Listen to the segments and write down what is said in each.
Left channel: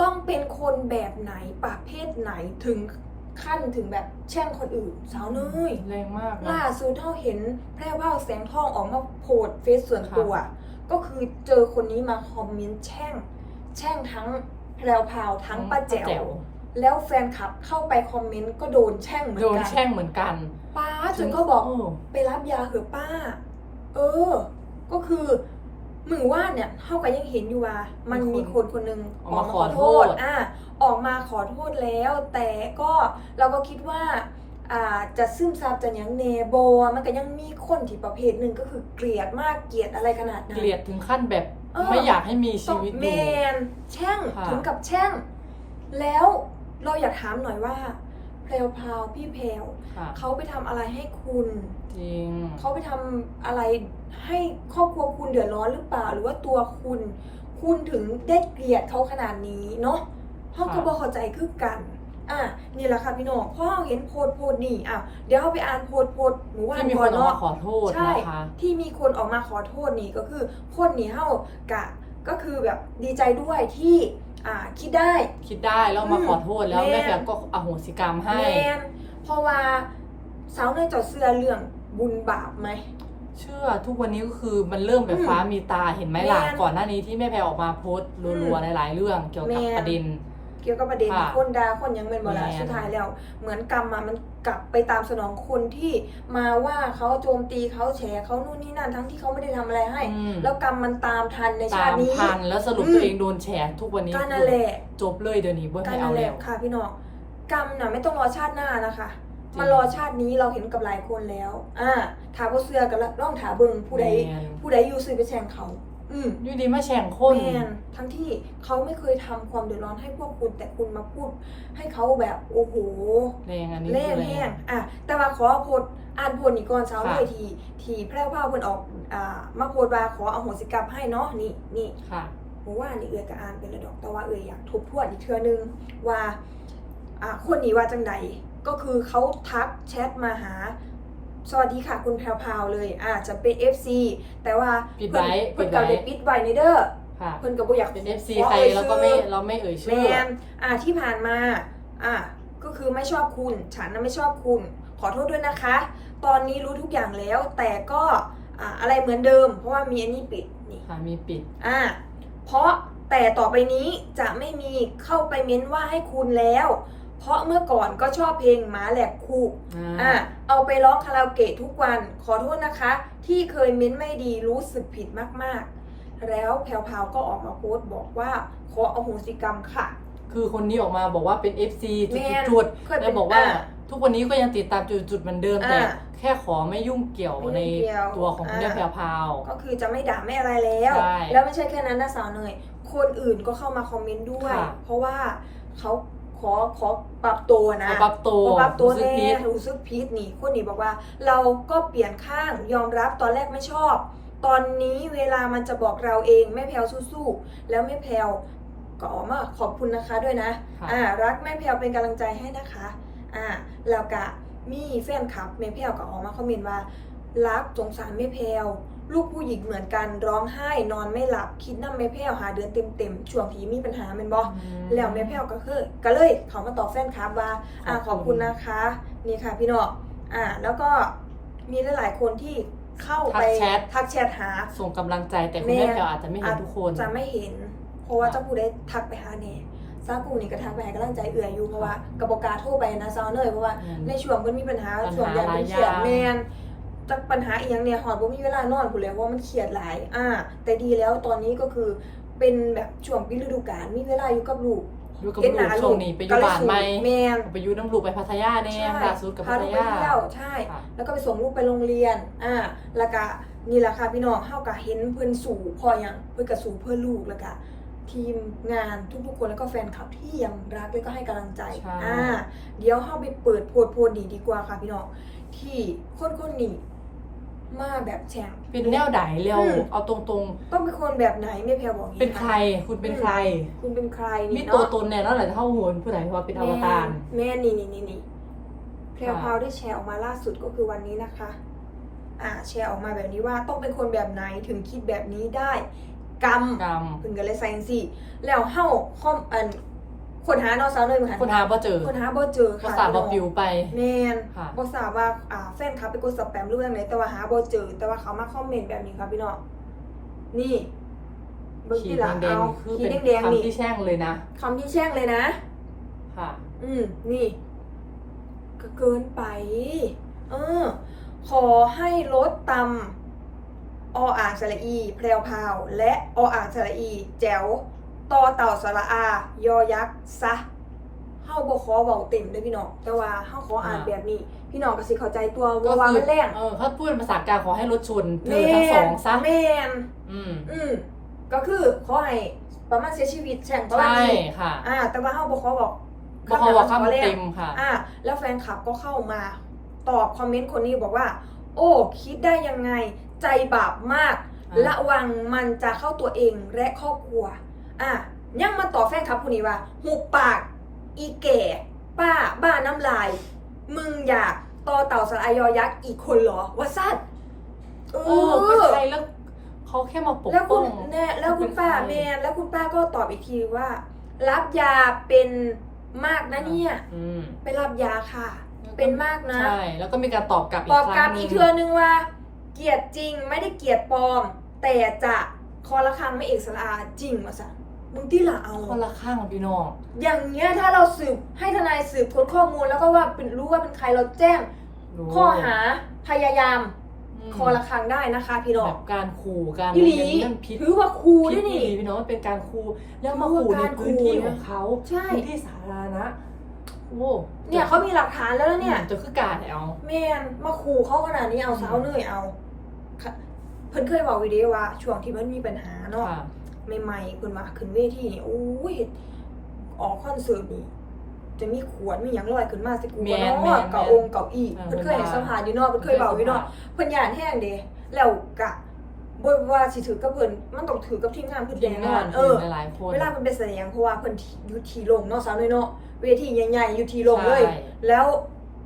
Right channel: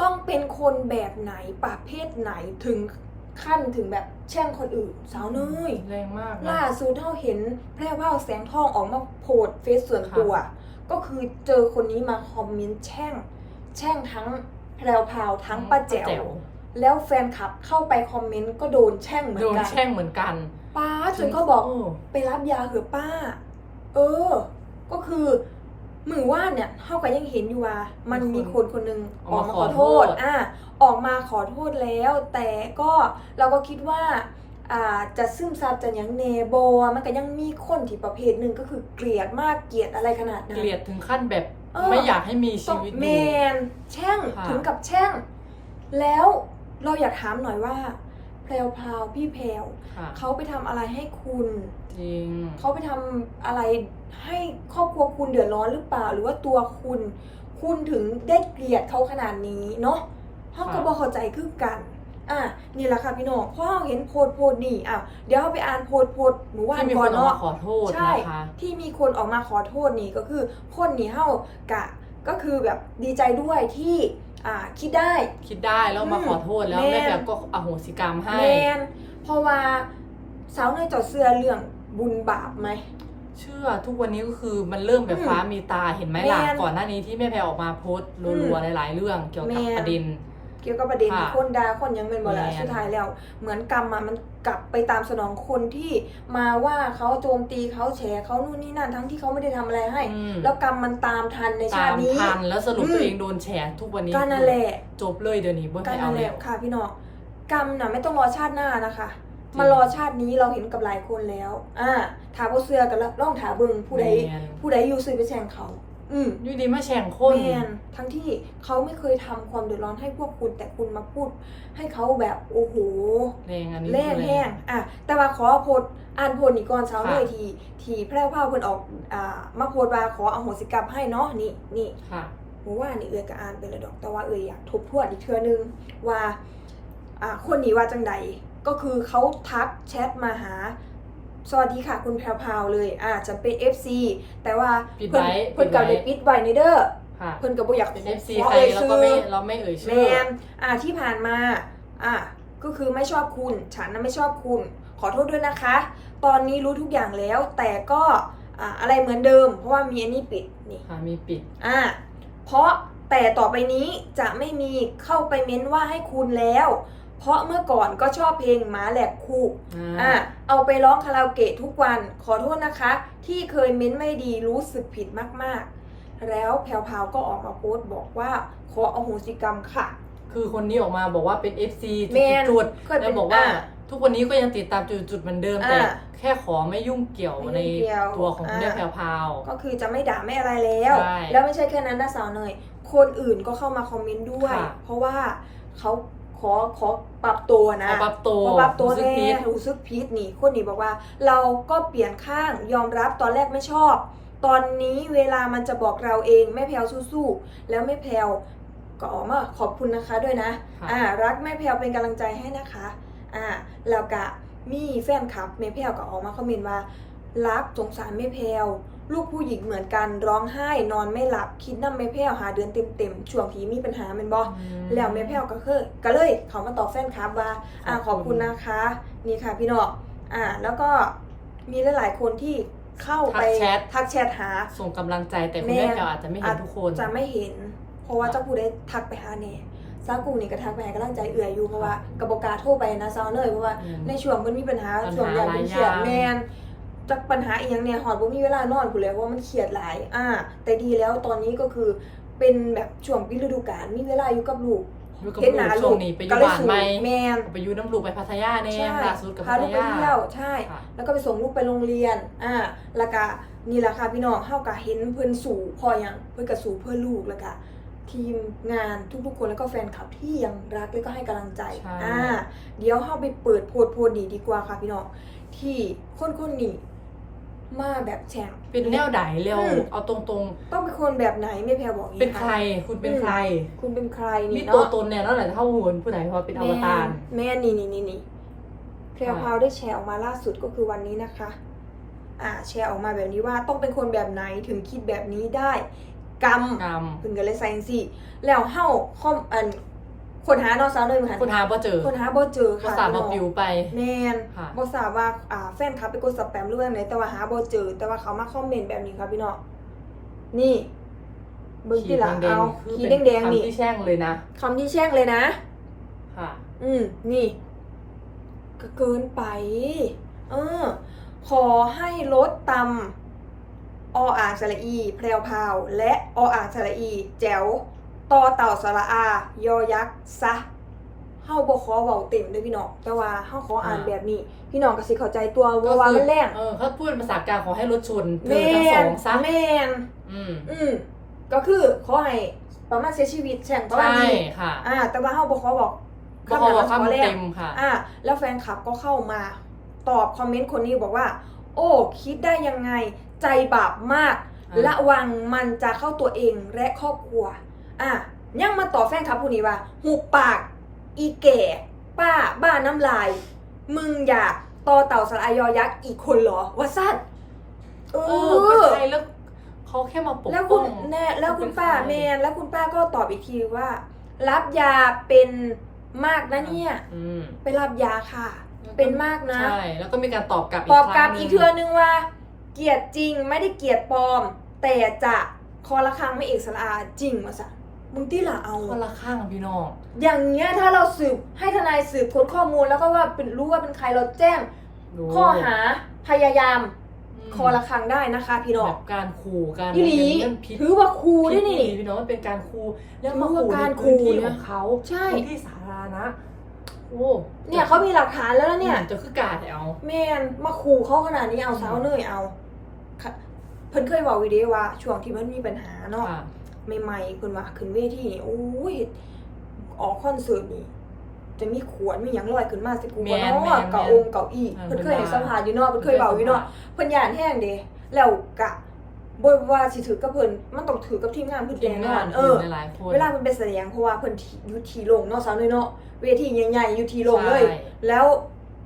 ต้องเป็นคนแบบไหนประเภทไหนถึงขั้นถึงแบบแช่งคนอื่น สาวเนยแรงมากนะล่าสุดเท่าเห็นแพร่ว่าวแสงทองออกมาโพสต์เฟซส่วนตัว ก็คือเจอคนนี้มาคอมเมนต์แช่ง แช่งทั้งแพรวพราวทั้งป้าแจ๋วแล้วแฟนคลับเข้าไปคอมเมนต์ก็โดนแช่งเหมือนโดนกันแช่งเหมือนกัน ป้าจนเขาบอกโไปรับยาเถอะป้า เออ ก็คือ มือว่านเนี่ยเท่ากับยังเห็นอยู่ว่า มันมีมีคคนนคนหนึ่งออกมาขอโทษ อะออกมาขอโทษแล้ว แต่ก็เราก็คิดว่าอ่าจะซึมซับจะหยังเนโบอะมันก็ยังมีคนที่ประเภทหนึ่งก็คือเกลียดมากเกลียดอะไรขนาดนั้น เกลียดถึงขั้นแบบเออ ไม่อยากให้มีชีต้องวิตอแมยู่ นแช่งค่ะ ถึงกับแช่ง แล้วเราอยากถามหน่อยว่าแพรวพราวพี่แพรวค่ะเขาไปทำอะไรให้คุณ จริง เขาไปทำอะไร ให้ครอบครัวคุณเดือดร้อนหรือเปล่า หรือว่าตัวคุณ คุณถึงได้เกลียดเขาขนาดนี้เนาะเพราะค่ะก็บอกเข้าใจคือกันอะนี่แหละค่ะพี่น้องเพราะเราเห็นโพสต์โพสต์นี่อะเดี๋ยวเราไปอ่านโพสต์โพสต์หนูว่าที่มีคนออกมาขอโทษใช่นะคะที่มีคนออกมาขอโทษนี่ก็คือคนนี่เฮากะก็คือแบบดีใจด้วยที่อ่าคิดได้คิดได้แล้วมาอืมขอโทษแล้วแม่แม่แพรก็อโหสิกรรมให้แมนเพราะว่าสาวเนยเจอดเสื้อเรื่องบุญบาปไหม เชื่อทุกวันนี้ก็คือมันเริ่มแบบอืมฟ้ามีตาเห็นไหมล่ะแม่นก่อนหน้านี้ที่แม่แพรออกมาโพสต์รัวๆในหลายเรื่องเกี่ยวกับแม่น ประเด็น เกี่ยวกับประเด็นค่ะคนดาคนยังเป็นบลาแม่น สุดท้ายแล้ว เหมือนกรรมอะมันกลับไปตามสนองคนที่มาว่าเขาโจมตีเขาแฉเขานู่นนี่นั่นทั้งที่เขาไม่ได้ทำอะไรให้ อืมแล้วกรรมมันตามทันในชาตาติมนี้ ทันแล้วสรุปอืม ตัวเองโดนแฉทุกวันนี้ก็นั่นแหละจบเลยเดี๋ยวนี้บ่กรให้รมเอานั่นแหแล้ละวค่ะพี่น้องกรรมน่ะไม่ต้องรอชาติหน้านะคะจริง มารอชาตินี้เราเห็นกับหลายคนแล้ว อ่าถาผู้เสื้อกันแล้วร่องถาเบิงผู้ใดแมนผู้ใดอยู่ซื้อไปแช่งเขา อืมอยู่ดีมาแฉงคนแมนทั้งที่เขาไม่เคยทำความเดือดร้อนให้พวกคุณแต่คุณมาพูด ให้เขาแบบโอ้โห แรงอันนี้แรงคือแรแห้งง อะ แต่ว่าขอโพดอ่านโพดนี่ก่อนเช้าค่ะเลยทีทีแพร่วพราวเพิ่นออก อ่า มาโพดว่าขออโหสิกรรมให้เนาะ นี่นี่ค่ะเมื่อวานนี่เอือยก็อ่านไปเลยดอก แต่ว่าเอือยอยากทบทวนอีกเทื่อนึงว่า อ่า คนนี้ว่าจังใด ก็คือเขาทักแชทมาหา สวัสดีค่ะคุณแพรวพราวเลยอ่าจะเป็น FC แต่ว่าปิดไว้เพิ่นปิเพิ่ดนไว้ก็ได้ปิดไว้ในเด้อค่ะเพิ่นก็บ่อยากเป็นข FC อใครอ่ยเราก็ไม่ชื่อเราไม่เอ่ยแมชื่อนอ่าที่ผ่านมาอ่าก็คือไม่ชอบคุณ ฉันน่ะไม่ชอบคุณ ขอโทษด้วยนะคะ ตอนนี้รู้ทุกอย่างแล้ว แต่ก็อ่าอะไรเหมือนเดิม เพราะว่ามีอันนี้ปิดนี่ ค่ะมีปิด อ่า เพราะแต่ต่อไปนี้จะไม่มีเข้าไปเม้นว่าให้คุณแล้ว เพราะเมื่อก่อนก็ชอบเพลงหมาแหลกคู่อ่าอ่าเอาไปร้องคาราโอเกะทุกวัน ขอโทษนะคะ ที่เคยเม้นไม่ดีรู้สึกผิดมากๆ แล้วแพรวพราวก็ออกมาโพสต์บอกว่าขออโหสิกรรมค่ะ คือคนนี้ออกมาบอกว่าเป็น FC จุแมดนจุดเคยเป็นแล้วบอกว่าอ่าทุกวันนี้ก็ยังติดตามจุดจุดเหมือนเดิมอ่าแต่แค่ขอไม่ยุ่งเกี่ยวไม่ในยุ่งเกี่ยวตัวของคุณแม่อ่าแพรวพราวก็คือจะไม่ด่าไม่อะไรแล้วใช่แล้วไม่ใช่แค่นั้นนะสาวเนยคนอื่นก็เข้ามาคอมเมนต์ด้วยค่ะเพราะว่าเขาข อขอปรับตัวนะขอปรับตัวขอปรับตัวรู้สึกแน่ผิดรู้สึกผิดนี่คนนี้บอกว่า เราก็เปลี่ยนข้างยอมรับตอนแรกไม่ชอบ ตอนนี้เวลามันจะบอกเราเองไม่แพลวสู้ๆแล้วไม่แพลวก็ออกมาขอบคุณนะคะด้วยนะค่ะอ่ารักแม่แพลวเป็นกำลังใจให้นะคะอ่าแล้วก็มีแฟนคลับแม่แพลวก็ออกมาคอมเมนต์ว่ารักสงสารแม่แพลว ลูกผู้หญิงเหมือนกันร้องไห้นอนไม่หลับ คิดน้ำแม่แพลวหาเดือนเต็มๆช่วงที่มีปัญหาแมันบอมแล้วแม่แพลวก็คือก็เลยเขามาตอบแฟนคลับว่าอ่าขขออบบคุคุณณนะคะ นี่ค่ะพี่น้องอ่า แล้วก็มีหลายๆคนที่เข้าไปทักแชททักแชทหา ส่งกำลังใจแต่คุณแม่แพรวอาจจะไม่เห็นทุกคนจะไม่เห็น เพราะว่าค่ะเจ้าผู้ได้ทักไปหาเน่ซากูนี่ก็ทักไปให้กำลังใจเอื่อยอยู่เพราะว่ากระบอกกล้าโทรไปนะซาวเลยเพราะว่าอืมในช่วงมันมีปัญหาปัญหาช่วงอย่างเป็นเครียดหลายอย่างแมน จากปัญหาอีกอย่างเนี่ยหอดบ่มีเวลานอนผู้แล้วว่ามันเครียดหลาย อ่า แต่ดีแล้วตอนนี้ก็คือเป็นแบบช่วงปิดฤดูกาลมีเวลาอยู่กับลูกอยู่กับเห็นลูหกน้าช่วงนี้ไปอยู่บ้านไหมแมนไปอยู่น้ำลูกไปพัทยาแน่ใช่ล่าสุดกับพาพัทลูกไปยาเที่ยวใช่ค่ะแล้วก็ไปส่งลูกไปโรงเรียน อ่า แล้วก็นี่แหละค่ะพี่น้องเฮาก็เห็นเพิ่นสู่พออย่างเพิ่นก็สู่เพื่อลูกแล้วก็ทีมงานทุกๆคนแล้วก็แฟนคลับที่ยังรักและก็ให้กำลังใจใช่อ่าเดี๋ยวเฮาไปเปิดโพดโพดนี้ดีกว่าค่ะพี่น้องที่คนคนๆนี้ มาแบบแฉงเป็นแนวไหนเร็วอืมเอาตรงต้องเป็นคนแบบไหนไม่แพ้บอกๆเป็นใครคุณเป็นใคร คุณเป็นใครมีนี่ตัวเนาะตนแน่นอนแหละเท่าโหนผู้ใดเพราะเป็นอวตาร แม่นี่นี่นี่นี่แพรวค่ะพราวได้แชร์ออกมาล่าสุดก็คือวันนี้นะคะ อ่า แชร์ออกมาแบบนี้ว่าต้องเป็นคนแบบไหนถึงคิดแบบนี้ได้ กรรม กรรมเพิ่นก็เลยใส่จังซี่แล้วเฮาคอมอัน คนหาน้องสาวเลยมั้ยคนหาบ่เจอคนหาบ่เจอก็ค่ะสาบบ่ปิวไปแม่นค่ะบ่ทราบว่าอ่าแฟนคลับไปกดสแปมหรือว่าไหนแต่ว่าหาบ่เจอ แต่ว่าเขามาคอมเมนต์แบบนี้ค่ะพี่น้องนี่เบิ่งขีที่ดหลังแดงเอาๆคือขีดเป็นแดงๆนี่คำที่แช่งเลยนะคำที่แช่งเลยนะ ค่ะ อืมนี่ก็เกินไป เออ ขอให้ลดตำออ่างสระอี แพรวพราว และออ่างสระอี แจ๋ว ต่อเต่าสระอา ยอยักษ์ซะเฮาบ่ขอเว้าเต็มเด้อพี่น้อง แต่ว่าเฮาขออ่านอ่าแบบนี้ พี่น้องก็สิเข้าใจตัวก็ว่าว่าคือมันแรงเออเขาพูดเป็นภาษากลางขอให้รถชนเธแม่อทั้งสองซะแม่นอืมอืมก็คือขอให้ประมาณเสียชีวิตแช่งประมาณใช่นี้ค่ะ อ่า แต่ว่าเฮาบ่ขอบอกบอกเขาบอกคำคำแรกเต็มค่ะ อะแล้วแฟนคลับก็เข้ามาตอบคอมเมนต์คนนี้บอกว่า โอ้ คิดได้ยังไง ใจบาปมากอ่าระวังมันจะเข้าตัวเองและครอบครัว อะยังมาต่อบแฟนคลับผู้นี้ว่าหุบปาก อีแก่ ป้า บ้าน้ำลาย มึงอยากต่อเต่าสลายอยักษ์อีกคนเหรอว่าสั้นเอเออเป็นอใครแล้วเขาแค่มาปกแล้วคุป้ณองแน่แล้วคุณป้าเป็นใครแมนแล้วคุณป้าก็ตอบอีกทีว่า รับยาเป็นมากนะเนี่ย อืมไปรับยาค่ะ เป็นมากนะ ใช่แล้วก็มีการตอบกลับอีตกอบคกลัรั้บงหนึอีงกเทือนึงว่า เกลียดจริงไม่ได้เกลียดปลอม แต่จะคอละครังไม่เอกสารอาจริงมาสะ มึงที่ละเอา คนละข้างพี่น้อง อย่างเงี้ยถ้าเราสืบให้ทนายสืบค้นข้อมูลแล้วก็ว่าเป็นรู้ว่าเป็นใครเราแจ้งรู้ข้อหาพยายามมคอละครังได้นะคะพี่น้องแบบการขู่การอีหลีอย่างนี้มันผิดถือว่าครูผิด้ดวยนี่พี่น้องมันเป็นการขู่แล้วมาถือว่าขู่ในการพื้นที่ขู่ขนะองเขาใช่พื้นที่สาธารณะโอ้เนี่ยเขามีหลักฐานแล้วนะเนี่ยจะคือกาดเอาแมนมาขู่เขาขนาดนี้เอาสาวเนยเอาค่ะเพิ่นเคยบอกวิดีโอว่าช่วงที่มันมีปัญหาเนาะค่ะ ใหม่ๆเพิ่นว่าขึ้นเวทีนี่โอ้ยออกคอนเสิร์ตนี่จะมีขวดมีหยังลอยขึ้นมาสิกูแม่บ่นเนาะแม่นเก่าแม่นองค์เก่าอีเออเพิ่นเคยเพิ่ให้นว่าสัมภาษณ์อยู่เนาะเพิ่นเคยเว้าอยู่เนาะเพิ่นย่านแห้งเด้แล้วกะบ่ว่าสิถือกับเพิ่นมันต้องถือกับทีมงานเพิ่นทีแน่มนงาอนนเอทีอมหลายๆคนเวลาเพิ่นไปแสดงเพราะว่าเพิ่นอยู่ที่โรงเนาะสาวน้อยเนาะเวทีใหญ่ๆอยู่ที่โรงเลยใช่แล้ว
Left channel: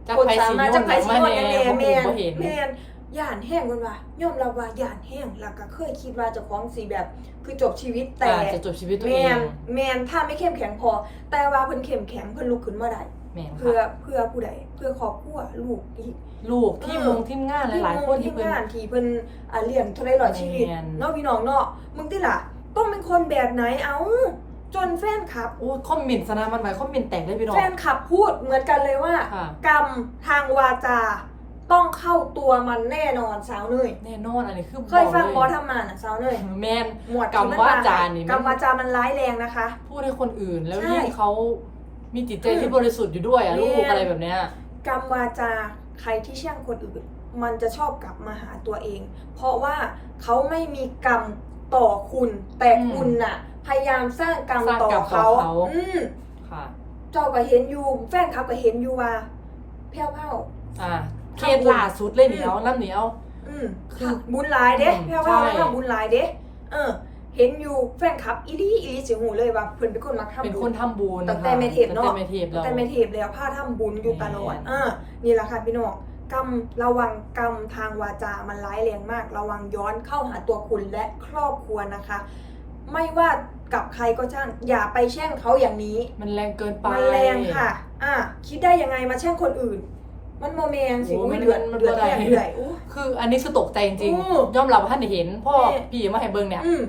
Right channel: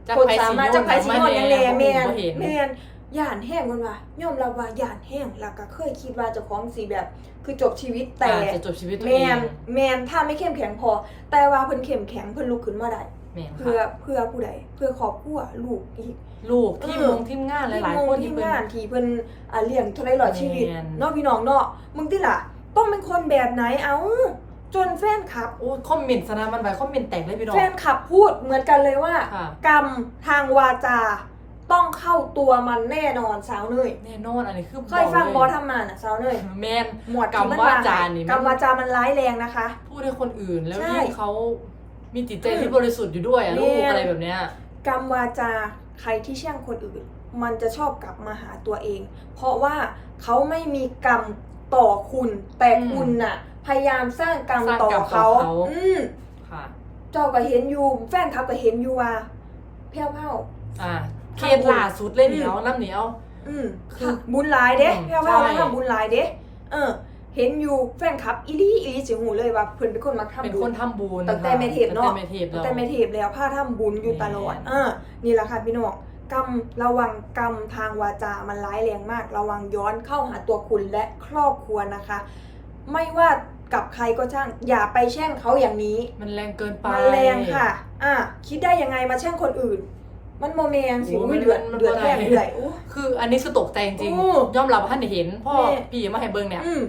จักคนไผสาสิมารถโยจะนไปเอาสิมาโยนแน่แน่บ่แม่ฮู้นบ่เห็นแม่น ย่านแห้งเพิ่นว่ายอมรับว่าย่านแห้งแล้วก็เคยคิดว่าเจะของสีแบบ คือจบชีวิตแต่อาจจะจบชีวิตตัวแมเองนแมนถ้าไม่เข้มแข็งพอ แต่ว่าเพิ่นเข้มแข็งเพิ่นลุกขึ้นมาได้แม่นเพื่อค่ะเพื่อผู้ใดเพื่อครอบครัวลูกอีก ลูกที่เออ มงทีมงานหลาย ๆ คนที่ที่เพิ่น งานที่เพิ่นอ่าเลี้ยงเท่าไรร้อยชีวิตแม่น เนาะพี่น้องเนาะมึงติล่ะต้องเป็นคนแบบไหนเอ้าจนแฟนคลับ โอ้คอมเมนต์ซะนะมันไปคอมเมนต์แตกได้พี่น้อแฟงนคลับพูดเหมือนกันเลยว่า ค่ะ กรรมทางวาจา ต้องเข้าตัวมันแน่นอนสาวเนยแน่นอนอันนี้คือเคยฟังบอกบอเลยทำมาน่ะสาวเนยแมนหมวดกรรมวาจานี่มันกรรมวาจามันร้ายแรงนะคะ พูดให้คนอื่นแล้วใช่ยิ่งเขามีจิตใจอืมที่บริสุทธิ์อยู่ด้วยอะแม่ลูกอะไรแบบเนี้ย กรรมวาจาใครที่แช่งคนอื่น มันจะชอบกลับมาหาตัวเอง เพราะว่าเขาไม่มีกรรมต่อคุณ แต่อืมคุณน่ะ พยายามสร้างกรรมสร้างต่อกรรมต่อเขาเขา อืมค่ะ เจ้าก็เห็นอยู่แฟนคลับก็เห็นอยู่ว่าแพ้วเผาอ่า เคสล่าสุดเลยเหนียวน้ำเหนียว อืมคือบุญหลายเด้อืมแพ้วเผาใช่ ว่าบุญหลายเด้เออ เห็นอยู่แฟนคลับอีลี่อีลี่สิหูเลยว่าเพิ่นเป็นคนมักทำเป็นบุคญนทำบุญตั้งแต่ค่ะเมเทปเนอะ ตั้งแต่เมเทปเรา แต่ไม่เทปแล้วผ้าทำบุญอยู่ตลอดแม่นเออนี่แหละค่ะพี่น้องกรรมระวังกรรมทางวาจา มันร้ายแรงมาก ระวังย้อนเข้าหาตัวคุณและครอบครัวนะคะ ไม่ว่ากับใครก็ช่าง อย่าไปแช่งเขาอย่างนี้มันแรงเกินไป มันแรงค่ะ อะ คิดได้ยังไงมาแช่งคนอื่น มันโมเมนสิโอ้มันเดือดมันเดือดบ่ได้แรงเดือดอู้ คืออันนี้คือตกใจจริงโอ้ๆยอมรับว่าท่านได้เห็นพ่อแม่ พี่มาให้เบิ้งเนี่ย อืม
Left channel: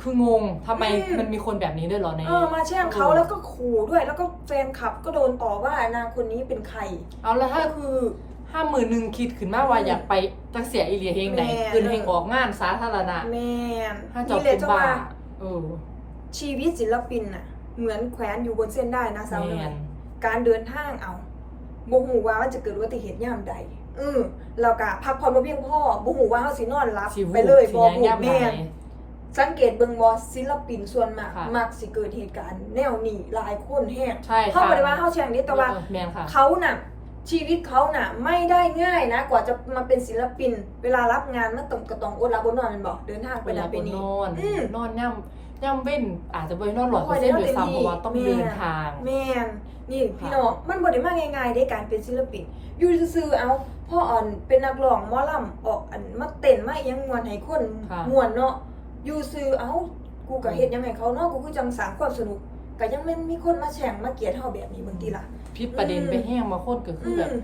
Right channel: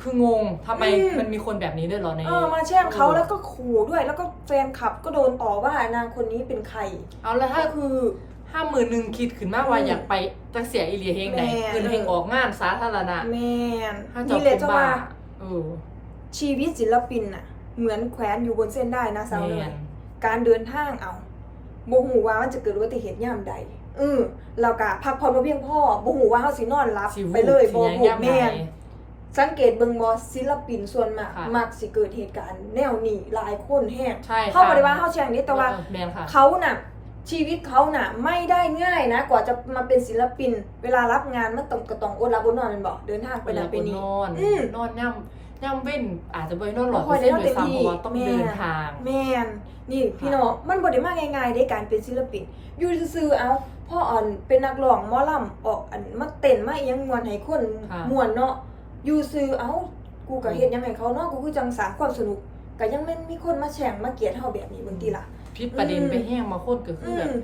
คืองงทำไมอืม มันมีคนแบบนี้ด้วยเหรอใน เออมาแช่งเขาแล้วก็ขู่ด้วย แล้วก็แฟนคลับก็โดนต่อว่านางคนนี้เป็นใครเอาแล้วถ้าก็คือ ห้าหมื่นหนึ่งคิดขึ้นมาว่าอืมอยากไปจังเสียอีเลียเฮงไหนแม่คืนเฮงออกงานสาธารณะแมนถ้าเจบนี่เลยเป็นจะบ้าว่าเออชีวิตศิลปินน่ะ เหมือนแขวนอยู่บนเส้นได้นะสาวแมเนยน การเดินทางเอา บ่หูว่ามันจะเกิดอุบัติเหตุยามใดอือเรากะพักผ่อนบ่เพียงพอบ่หูว่าเฮาสินอนหลับสิวูไปเลยสิบ่ยังหูย่ำไหนแม่นสังเกตเบิ่งบ่ศิลปินส่วนมากค่ะ มักสิเกิดเหตุการณ์แนวนี้หลายคนแฮงใช่เขาค่ะบ่ได้ว่าเฮาแช่งนี้แต่ว่า เออแมนค่ะ เขาน่ะชีวิตเขาน่ะไม่ได้ง่ายนะ กว่าจะมาเป็นศิลปิน เวลารับงานมันต้องก็ต้องอดหลับอดนอนแม่นบ่เดินทางไปเวลานั่นบไปนนี่นอน อืม นอนย่ำ ย่ำเว้นอาจจะไปนอนหลอดบ่ไปค่อยเส้นได้ด้วยซ้ำเต็มที่เพราะว่าต้องแม่เดินทาง แม่นนี่พี่น้องมันบ่ได้มาง่ายๆในการเป็นศิลปินอยู่ซื่อๆเอาพ่ออ่อนเป็นนักร้องหมอลำออกอันมาเต้นมาอิหยังมวนให้คนค่ะมวนเนาะอยู่ซื่อเอากูก็เฮ็ดยังไงเขาเนาะกูคือจังสร้างความสนุกก็ยังแม่นมีคนมาแช่งมาเกลียดเฮาแบบนี้บางทีล่ะ พิษประเด็นอืมไปแห้งมาโคตรก็คือแบบ ม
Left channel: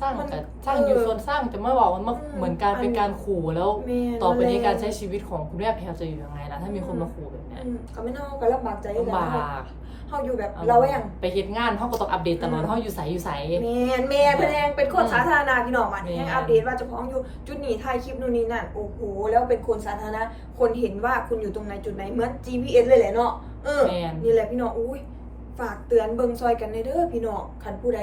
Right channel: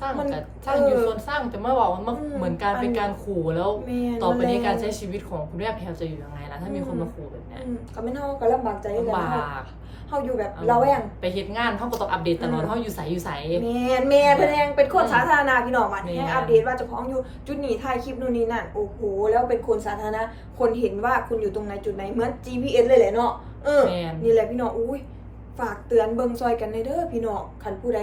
สร้างมันกับสร้างอยู่เออส่วนสร้างแต่เมื่อบอกมันมาอืมเหมือนการเป็นการขู่แล้ว แม่นต่อไปนี้แม่นการใช้ชีวิตของคุณแม่แพลวจะอยู่ยังไงล่ะถ้ามีคนอืมมาขู่แบบเนี้ยอืมก็แม่นเฮาก็ลำบากใจอยู่ลำแล้วบากเฮาอยู่แบบเอาระแวงไปเฮ็ดงานเขาก็ต้องอัปเดตตลอดอืมเขาอยู่ใสอยู่ใส แม่นแม่นเพิ่นยังเป็นคนอืมสาธารณะพี่น้องมันแม่นให้อัปเดตว่าเจะพ้าของอยู่จุดนี้ถ่ายคลิปนู่นนี่นั่นโอ้โหแล้วเป็นคนสาธารณะคนเห็นว่าคุณอยู่ตรงไหนจุดไหนเหมือน GPS เลยแหละเนาะเออ แม่นนี่แหละพี่น้องอุ้ย ฝากเตือนเบิงซอยกันในเด้อพี่น้องคันผู้ใด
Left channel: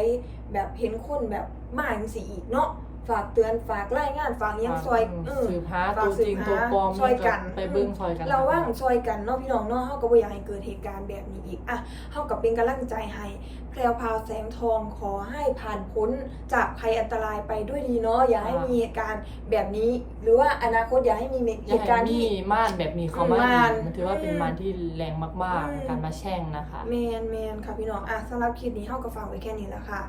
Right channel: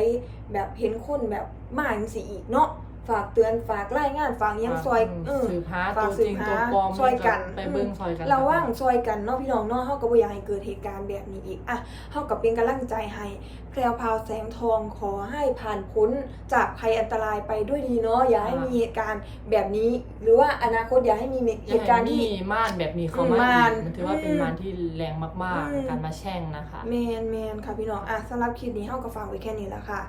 แบบเห็นคนแบบมาอย่างสีอีกเนาะ ฝากเตือนฝากรายงานฝากหยังซอยเออสืบหาฝากตัวสืจบริงหาตัวปลอมช่วยกันไปเบิ้งซอยกันเราว่างซอยกันเนาะพี่น้องเนาะเฮาก็บ่อยากให้เกิดเหตุการณ์แบบนี้อีกอะเฮาก็เป็นกำลังใจให้แพรวพราวแสงทองขอให้ผ่านพ้นจากภัยอันตรายไปด้วยดีเนาะอย่าให้มีเหตุการณ์แบบนี้ หรือว่าอนาคตอย่าให้มีอเหย่าตุการณ์ให้มีที่ม่านแบบนี้เขามาม่านอีกมันถือว่าเป็นอืมม่านที่แรงมากอืมๆการมาแช่งนะคะแมนแมนค่ะพี่น้องอะสำหรับคลิปนี้เฮาก็ฝากไว้แค่นี้แล้วค่ะ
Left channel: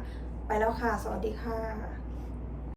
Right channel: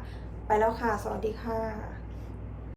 ไปแล้วค่ะ สวัสดีค่ะ